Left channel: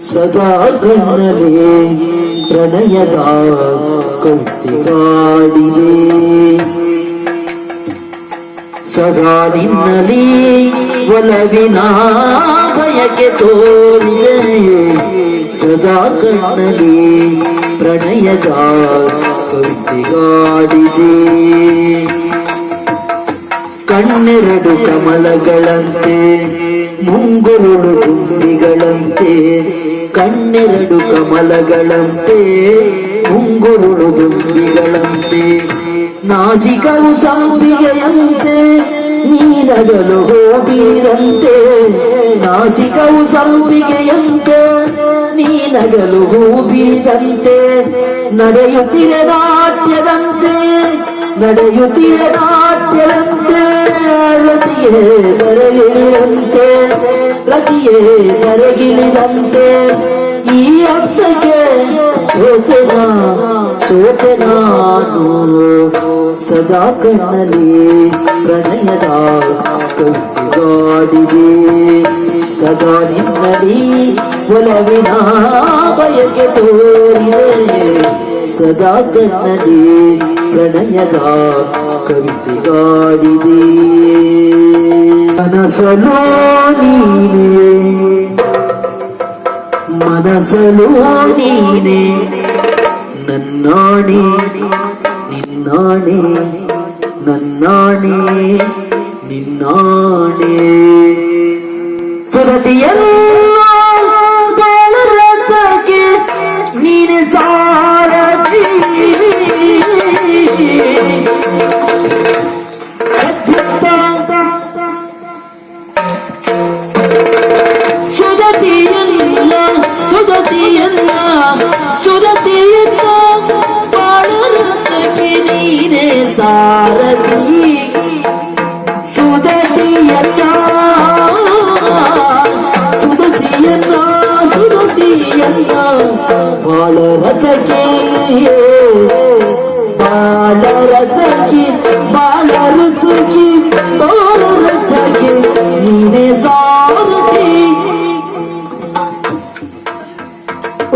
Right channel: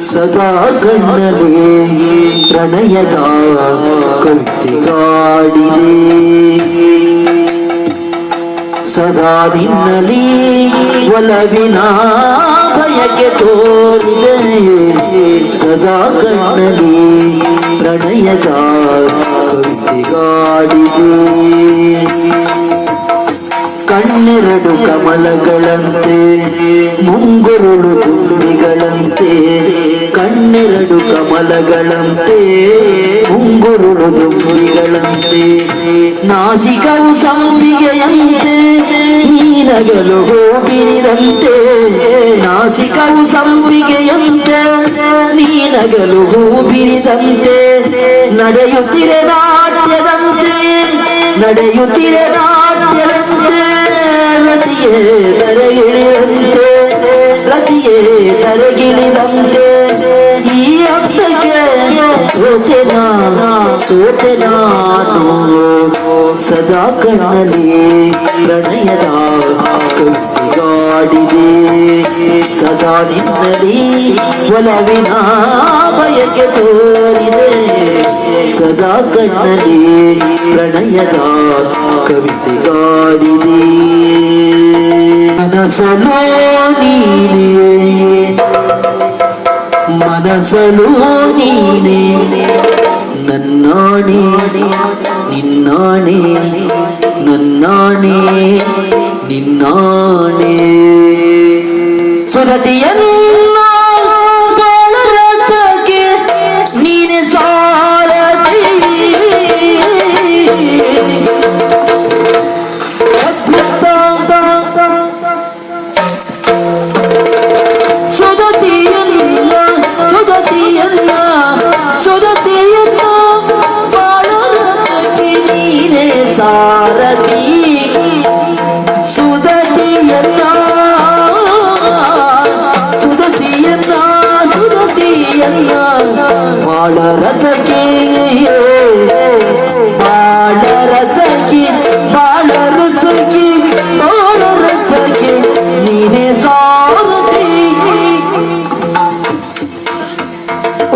ಸದಾ ಕಣ್ಣಲೇ ಪ್ರಣಯದ ಕವಿತೆಗಾಡಿದೆ ಸದಾ ನಿನ್ನಲಿ ಒಲವಿನ ಬಯಕೆ ತೋರಿದೆ ಸದಾ ಕಣ್ಣಲಿ ಪ್ರಣಯದ ಕವಿತೆಗಾಡಿದೆ ಕಣ್ಣೆರಡು ಕಮಲಗಳಂತೆ, ಮುಂಗುರುಳು ತುಂಬಿಗಳಂತೆ ಕಣ್ಣೆರಡು ಕಮಲಗಳಂತೆ ಉಂಗುರುಳು ದುಂಬಿಗಳಂತೆ, ನಾಸಿಕವು ಸಂಪಿಗೆಯಂತೆ, ನೀನಗಲು ಹೂಬಿರಿದಂತೆ, ನಾಸಿಕವು ಸಂಪಿಗೆಯಂತೆ, ನೀನಗಲು ಹೂಬಿರಿದಂತೆ, ನಡೆಯುತ್ತಿರ ನಾಟ್ಯದಂತೆ ನಡೆಯುತ್ತಿರ ನಾಟ್ಯದಂತೆ, ರತಿಯೇ ನರಗಿಳಿದಂತೆ ರತಿಯೇ ಸೋತೆ ನಾನು ಸದಾ ಕಣ್ಣಲ್ಲಿ ಪ್ರಣಯದ ಕವಿಗಾಡಿದೆ ಸದಾ ನಿನ್ನಲ್ಲಿ ಒಲವಿನ ಬಯಕೆ ತೋರಿದೆ ಸದಾ ಕಣ್ಣಲ್ಲಿ ಪ್ರಣಯದ ಕವಿತೆಗಾಡಿದೆ ಮನಸಲೋ ನೀನೇ ಮನಸಲು ನೀನೆ ನನ್ನಾಣೆ ನಿನ್ನಾಣೆ ನನ್ನಾಣೆ ನಿನ್ನಾಣೆ.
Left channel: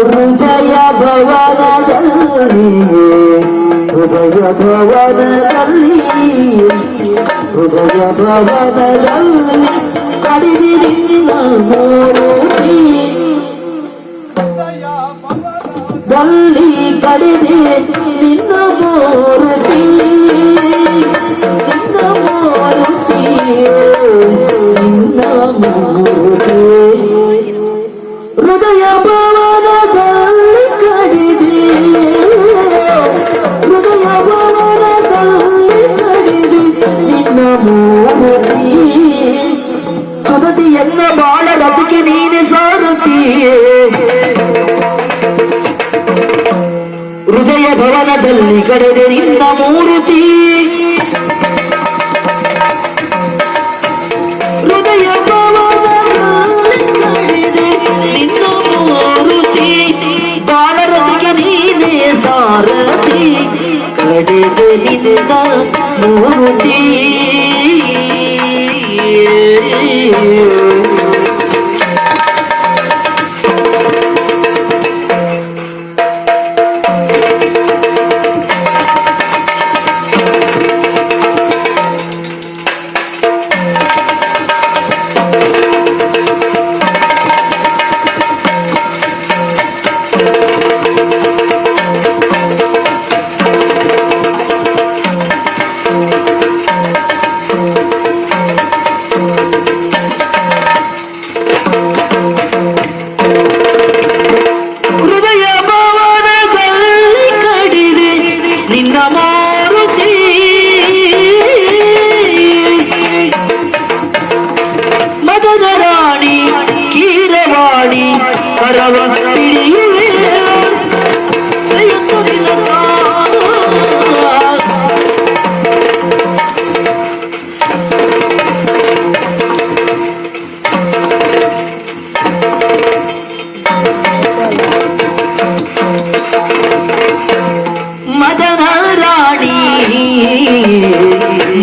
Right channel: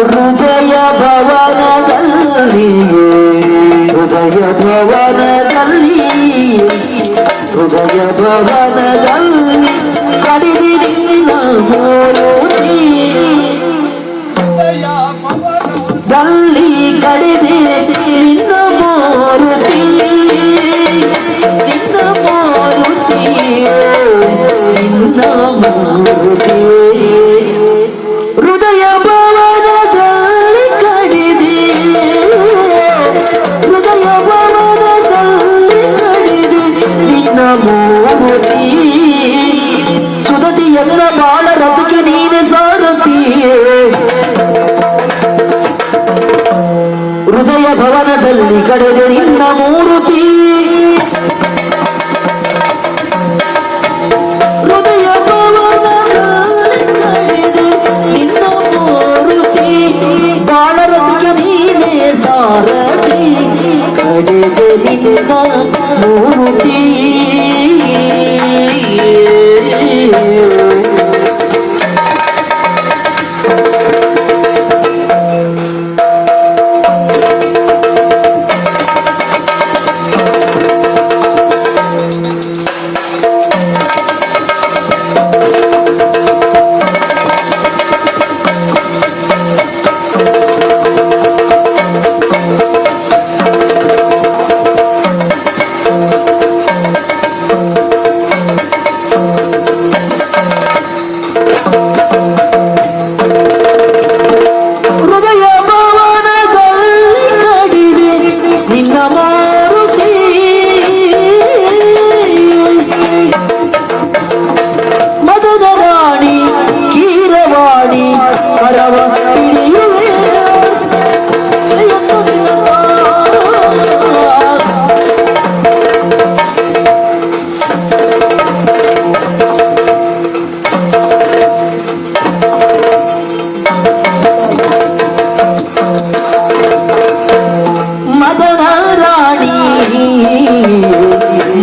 ಹೃದಯ ಭವನದಲ್ಲಿಯೇ ಹೃದಯ ಭವನದಲ್ಲಿ ಹೃದಯ ಭವನದಲ್ಲಿ ಕಡಿದಿ ನಿನ್ನ ಮೂರುತಿ ದಲ್ಲಿ ಕಡಿದೆ ನಿನ್ನ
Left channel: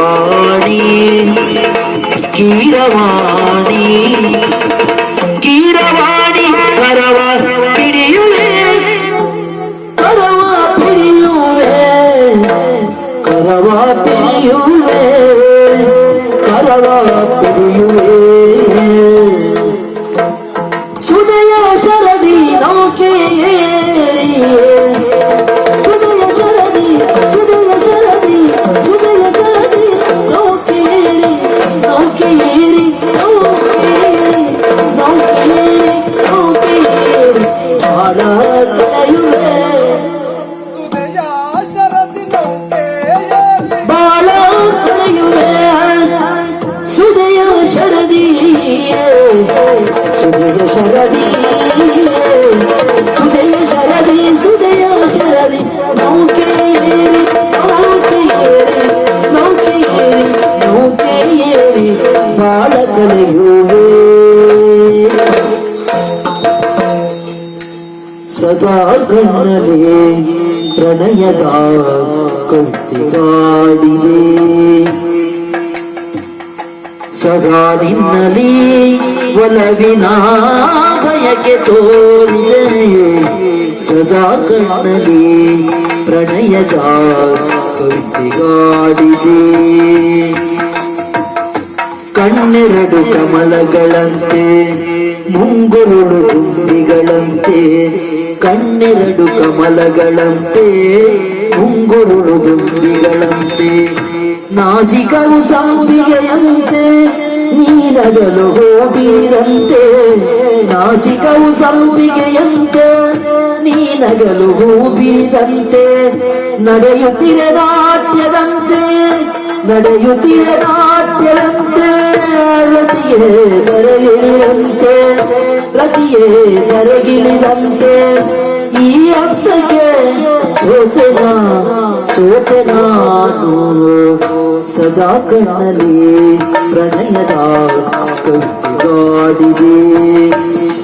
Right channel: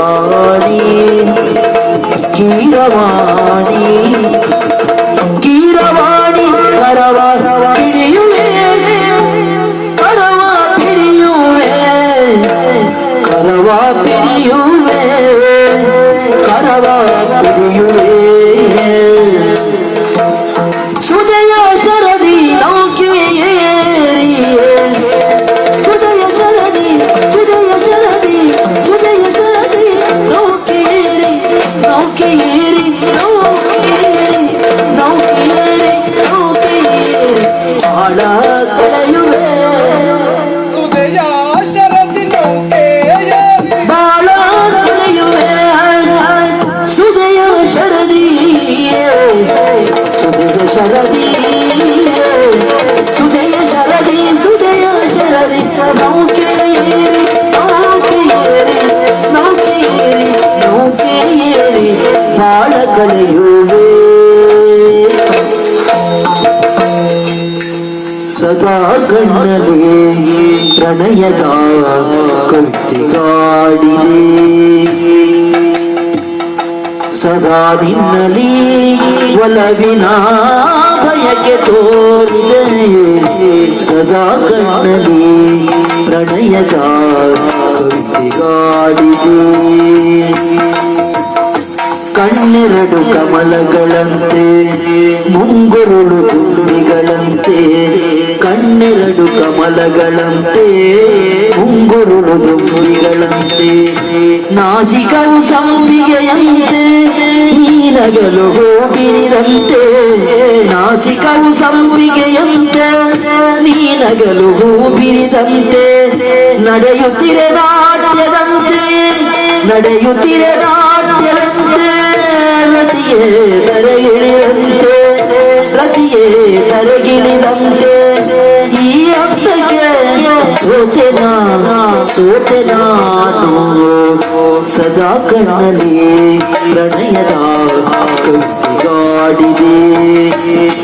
வாழி கீரவா ಕವಿತೆಗಾಡಿದೆ ಸದಾ ನಿನ್ನಲಿ ಒಲವಿನ ಭಯಕ್ಕೆ ತೋರಿದೆ ಸದಾ ಕಣ್ಣಲಿ ಪ್ರಣಯದ ಕವಿತೆಗಾಡಿದೆ ಕಣ್ಣೆರಡು ಕಮಲಗಳಂತೆ ಮುಂಗುರುಳು ತುಂಬಿಗಳಂತೆ, ಕಣ್ಣೆರಡು ಕಮಲಗಳಂತೆ ಮುಂಗುರುಳು ತುಂಬಿಗಳಂತೆ ನಾಸಿಕವು ಸಂಪಿಗೆಯಂತೆ ನೀನಗಲು ಹೂಬಿರಿದಂತೆ. ನಾಸಿಕವು ಸಂಪಿಗೆಯಂತೆ ನೀನಗಲು ಹೂಬಿರಿದಂತೆ. ನಡೆಯುತ್ತಿರೆ ನಾಟ್ಯದಂತೆ ನಡೆಯುತ್ತಿರೆ ನಾಟ್ಯದಂತೆ. ರತಿಯೇ ತರಗಿಳಿದಂತೆ ರತಿಯೇ ತರಗಿಳಿದಂತೆ ಸೋತೆ ನಾನು ಸದಾ ಕಣ್ಣಲ್ಲಿ ಪ್ರಣಯದ ಕವಿಗಾಡಿದೆ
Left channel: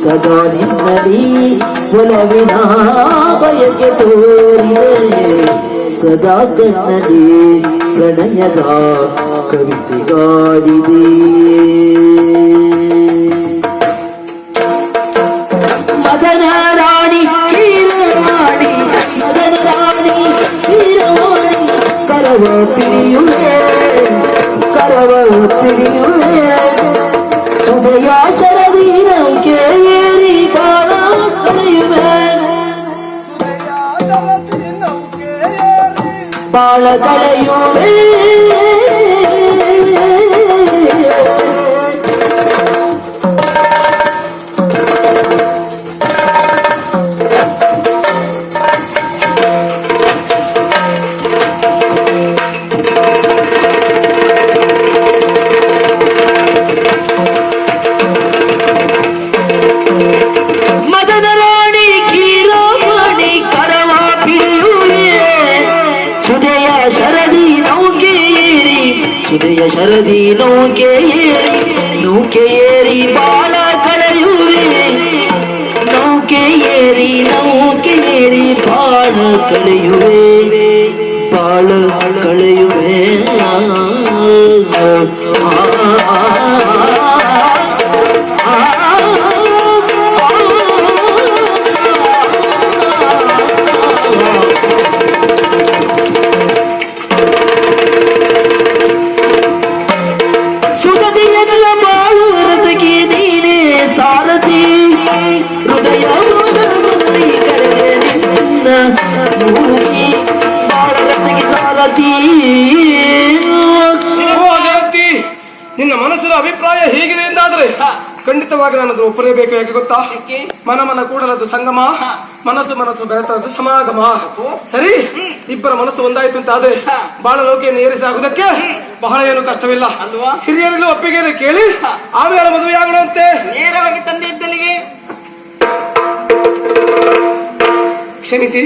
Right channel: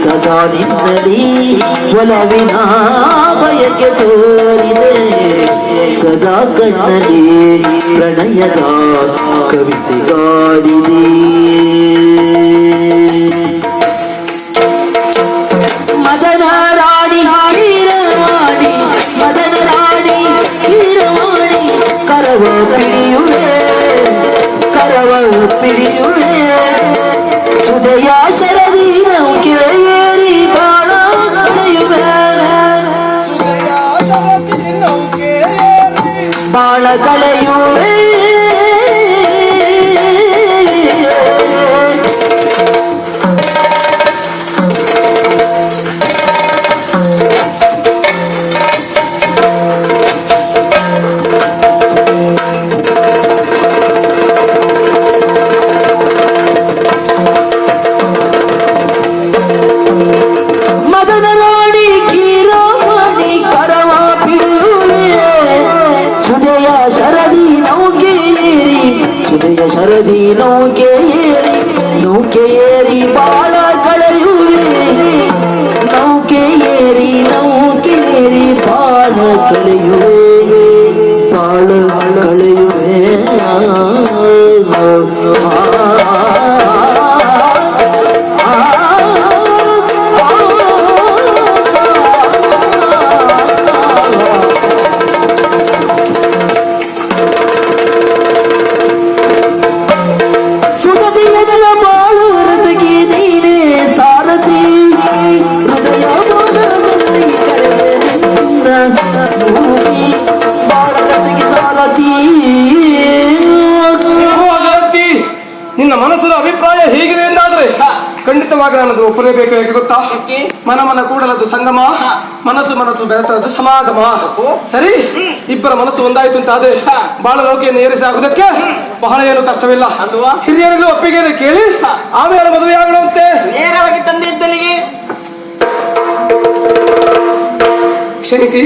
ಸದಾ ನಿನ್ನಲ್ಲಿ ಒಲವಿನ ಬಯಕೆ ತೋರಿದೆ. ಸದಾ ಕಣ್ಣಲ್ಲಿ ಪ್ರಣಯದ ಕವಿತೆಗಾಡಿದೆ கரவே பிடியுமே கரவே பிடியுமே ಸುದಯ ಶರದಿ ನೌಕೆ ಏರಿ ನೌಕೆ ಏರಿ ಬಾಳ ಕಳೆಯುವೆ ನೌಕೆ ಏರಿ ನೌಕೆ ಏರಿ ಬಾಳ ಕಳೆಯುವೆ ಬಾಳ ಒಪ್ಪಲೇಬೇಕು ಹೇಗೆ ಗೊತ್ತಾ? ಮನ ಮನ ಕೂಡಲದು ಸಂಗಮ ಮನಸ್ಸು ಮನಸ್ಸು ಬೆರೆತದ್ದು ಸಮಾಗಮ. ಸರಿ? ಇಬ್ಬರ ಮನಸ್ಸು ಒಂದಾಯ್ತು ಅಂತ ಆದ್ರೆ ಬಾಳ ಲೋಕೆಯನ್ನು ಏರಿಸಿ ಆಗುದಕ್ಕೆ ಬಹಳ ಏನು ಕಷ್ಟವಿಲ್ಲ. ಅಲ್ವಾ? ಹಿರಿಯರೆಲ್ಲೂ ಒಪ್ಪಿಗೆ ಕೇಳಿ ಆಮೇಲೆ ಮದುವೆ ಆಗುವಂತೆ ನೇರವಾಗಿ ತಂದೆ ಇದ್ದಲ್ಲಿಗೆ. ಕ್ಷಮಿಸಿ.